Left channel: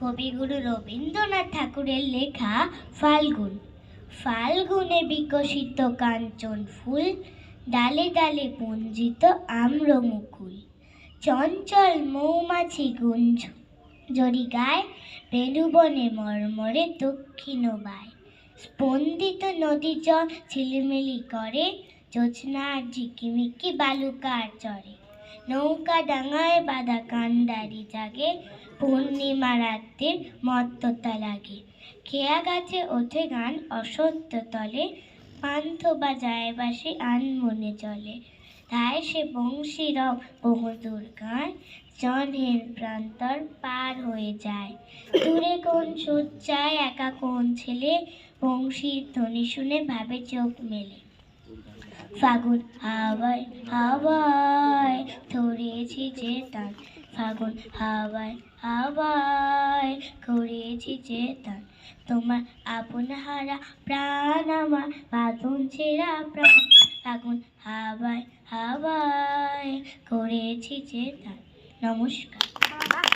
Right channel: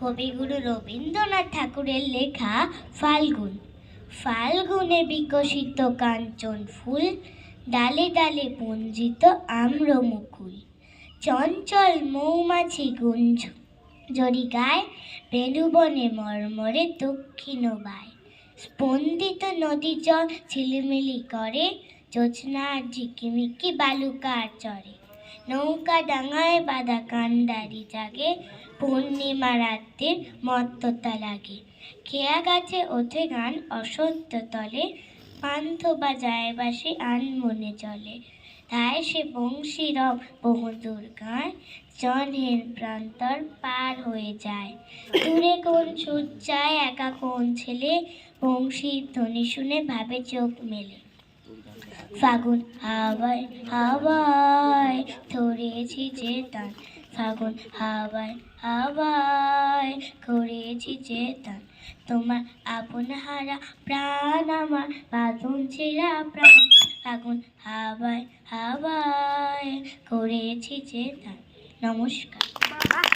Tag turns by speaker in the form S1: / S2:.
S1: কবিগুরু রবীন্দ্রনাথ ঠাকুরের লেখা ফাল্গুন। ফাল্গুনে বিকশিত কাঞ্চন ফুল, ডালে ডালে পঞ্জিত আম্র মুকুল চঞ্চল মৌমাছি গুঞ্জ জরি গায় বেণুবনে মর্মরে দক্ষিণ বায়। স্পন্দিত নদী জল ঝিলিমিলি করে জোছনার ঝিকিমিকি বালুকার চরে। নৌকা ডাঙায় বাঁধা কান্ডারি জাগে, পূর্ণিমা রাত্রির মত্ততা লাগে। খেয়া গাছে ওঠে গান অসত্য তলে, পান্থ বা যায় বাসি আনমনে চলে। তাই সে বংশী রব বহুদূর গায়, জনহীন প্রান্তর পার হয়ে যায়। দূরে কোন সজ্জায় একা কোন ছেলে, বংশীর ধ্বনি শুনে ভাবে চোখ মেলে। ফাগুন হাওয়ায় হাওয়ায় তান ফাগুন হাওয়ায় হাওয়ায় করেছি চেতান তোমার আপন হারা প্রাণ, আমার বাঁধন ছেঁড়া প্রাণ। ফাগুন হাওয়ায় হাওয়ায় করেছি চেতান নমস্কার।